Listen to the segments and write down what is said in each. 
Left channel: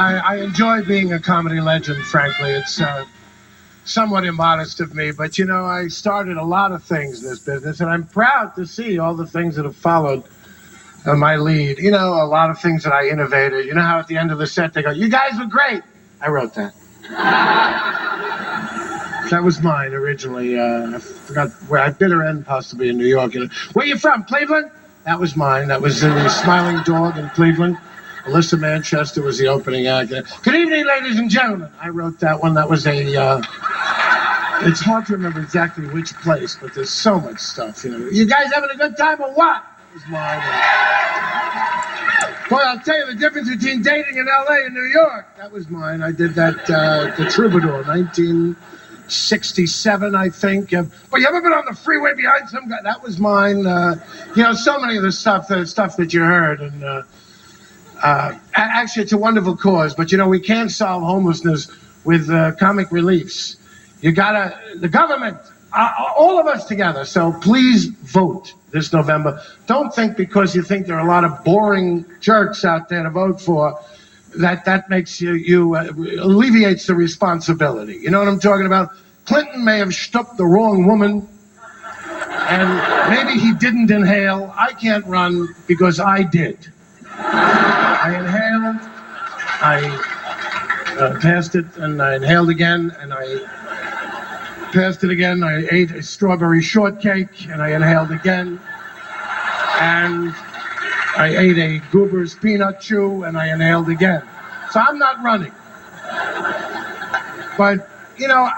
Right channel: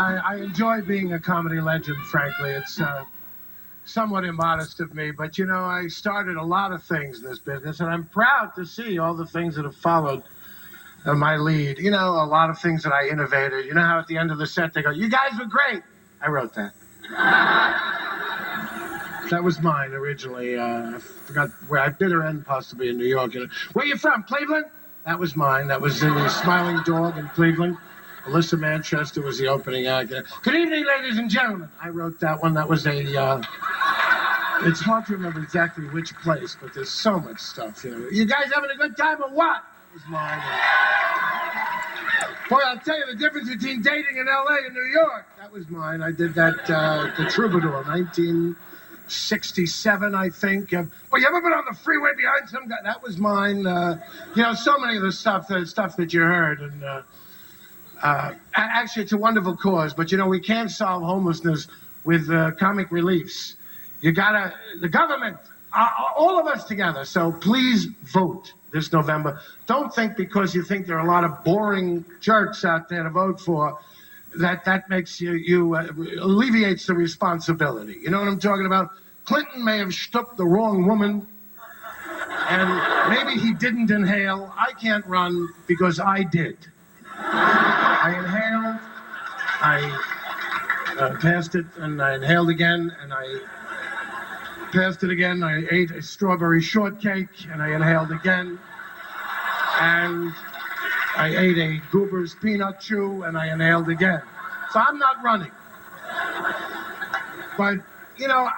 I enjoy being a comedy legend, frankly. It's somewhat immodest of me, but, you know, I started a lot of things in this business, and I'm proud to see all the things that have followed my lead. You know, a lot of things that I innovated. You know how at the end of the set they go, "You guys were great." I wrote that. That was mine originally. I forgot where. I bitter end possibly in New York. You know, where you from? Cleveland? That was mine. That was in the Smiling Dog in Cleveland. Alyssa Manchester was the opening act. Good evening, ladies and gentlemen. I wrote that one. That was a. It's hard to remember exactly which place, but there's so much stuff. You know, you guys having a good time or what? That was mine. Boy, I'll tell you the difference between dating in L.A. and New York. That was mine. I did that. The Troubadour, 1967, I think. Well, you ever been on the freeway behind some guy? That was mine. You know, so many of the stuff that you heard, and actually, it's a wonderful cause. But you know, we can't solve homelessness with comic reliefs. You gotta, the government, all of us together. So please vote this November. Don't think because you think there are a lot of boring jerks out there to vote for, that makes you alleviates the responsibility. You know what I'm talking about? Clinton may have stooped the wrong woman, and maybe he didn't inhale. I can't run because I did. I inhaled, I passed it, and I inhaled again, and I passed it again. I ate a strawberry shortcake, and I inhaled again. And I ate a Goober's peanut chew, and I inhaled again. So I'm not running. But, you know,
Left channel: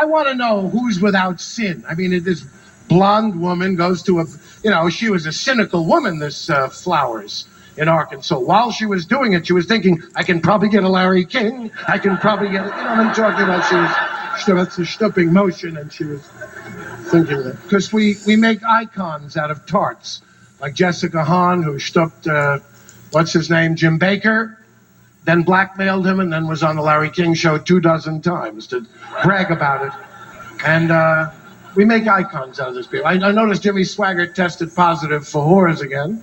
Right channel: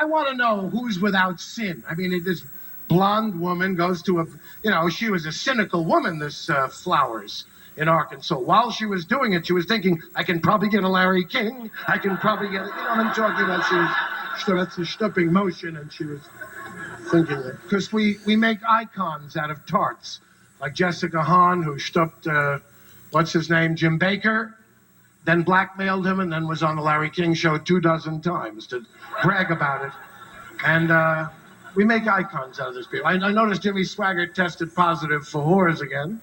I want to know who's without sin. I mean, this blonde woman goes to a, you know, she was a cynical woman, this Flowers in Arkansas. While she was doing it, she was thinking, I can probably get a Larry King. I can probably get, you know what I'm talking about? That's a stooping motion, and she was thinking that. Because we make icons out of tarts, like Jessica Hahn, who stooped, what's his name, Jim Baker, then blackmailed him, and then was on the Larry King show 24 times to brag about it. And we make icons out of this people. I noticed Jimmy Swaggart tested positive for whores again.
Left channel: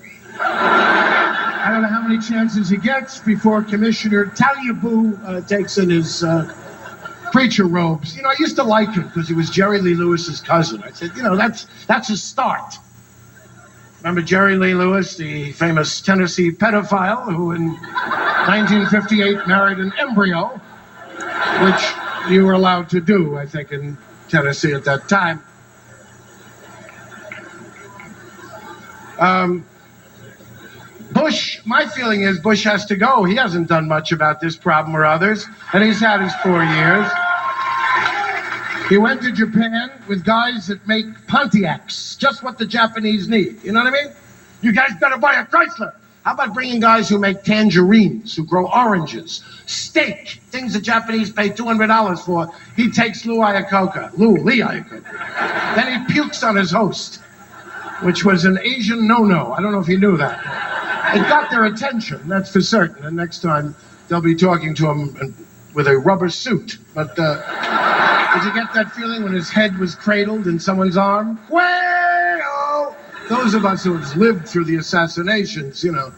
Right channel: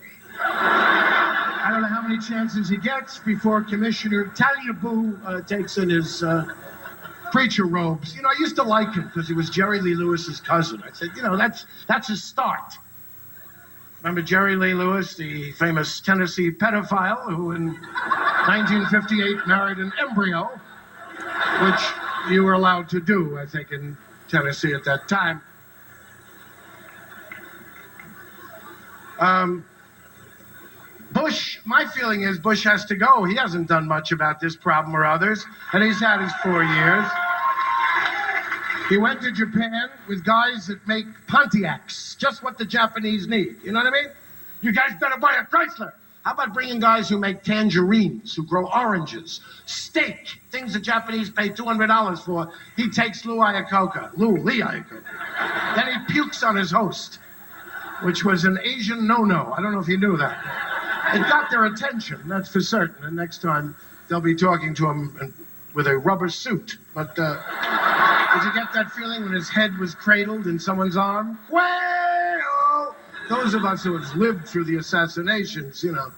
I don't know how many chances he gets before Commissioner Talibou takes in his preacher robes. You know, I used to like him because he was Jerry Lee Lewis's cousin. I said, you know, that's a start. Remember Jerry Lee Lewis, the famous Tennessee pedophile who in 1958 married an embryo, which you were allowed to do, I think, in Tennessee at that time. Bush, my feeling is Bush has to go. He hasn't done much about this problem or others, and he's had his 4 years. He went to Japan with guys that make Pontiacs, just what the Japanese need. You know what I mean? You guys better buy a Chrysler. How about bringing guys who make tangerines, who grow oranges, steak, things the Japanese pay $200 for? He takes Lee Iacocca. Then he pukes on his host, which was an Asian no-no. I don't know if you knew that. It got their attention, that's for certain. And next time, they'll be talking to him with a rubber suit. But did you get that feeling when his head was cradled in someone's arm? Well, those of us who have lived through the assassinations, you know.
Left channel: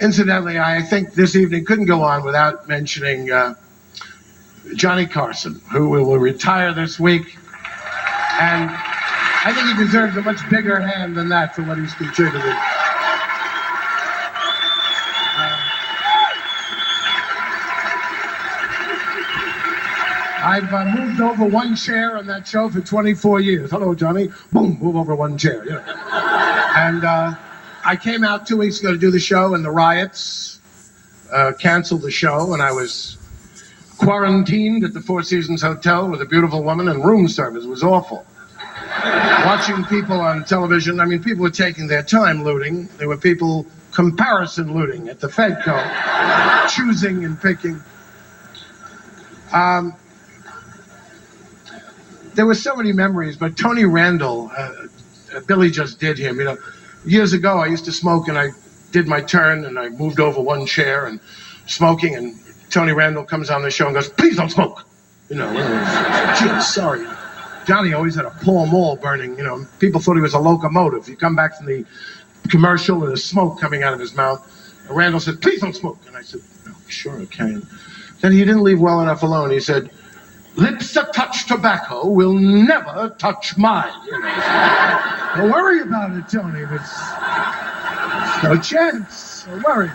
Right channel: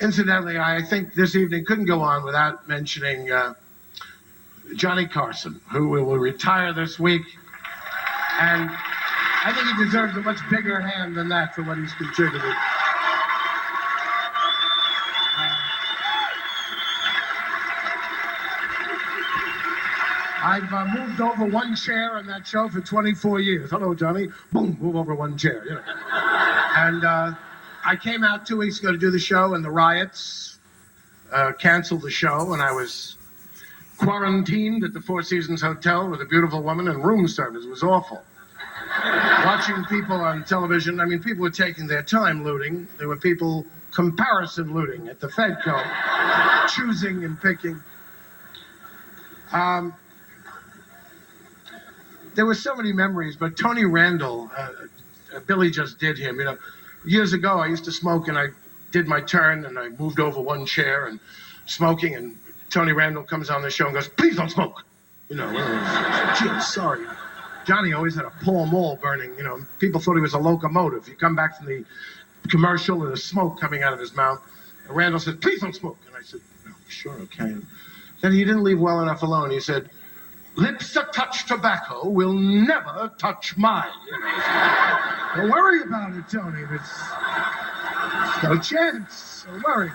Incidentally, I think this evening couldn't go on without mentioning Johnny Carson, who will retire this week. And I think he deserves a much bigger hand than that for what he's contributed. I've moved over one chair on that show for 24 years. Hello, Johnny. Boom, move over one chair. You know. And I came out 2 weeks ago to do the show, and the riots canceled the show, and I was quarantined at the Four Seasons Hotel with a beautiful woman, and room service was awful. Watching people on television, I mean, people were taking their time looting. There were people comparison looting at the Fedco, choosing and picking. There were so many memories, but Tony Randall, Billy just did him. You know, years ago I used to smoke, and I did my turn, and I moved over one chair and smoking, and Tony Randall comes on the show and goes, "Please don't smoke." You know, gee, sorry. Johnny always had a Pall Mall burning, you know. People thought he was a locomotive. You come back from the commercial and there's smoke coming out of his mouth. Randall said, please don't smoke. And I said, no, sure I can. Then he didn't leave well enough alone. He said, lips that touch tobacco will never touch mine. You know. Don't worry about it, Tony. It's no chance. Don't worry.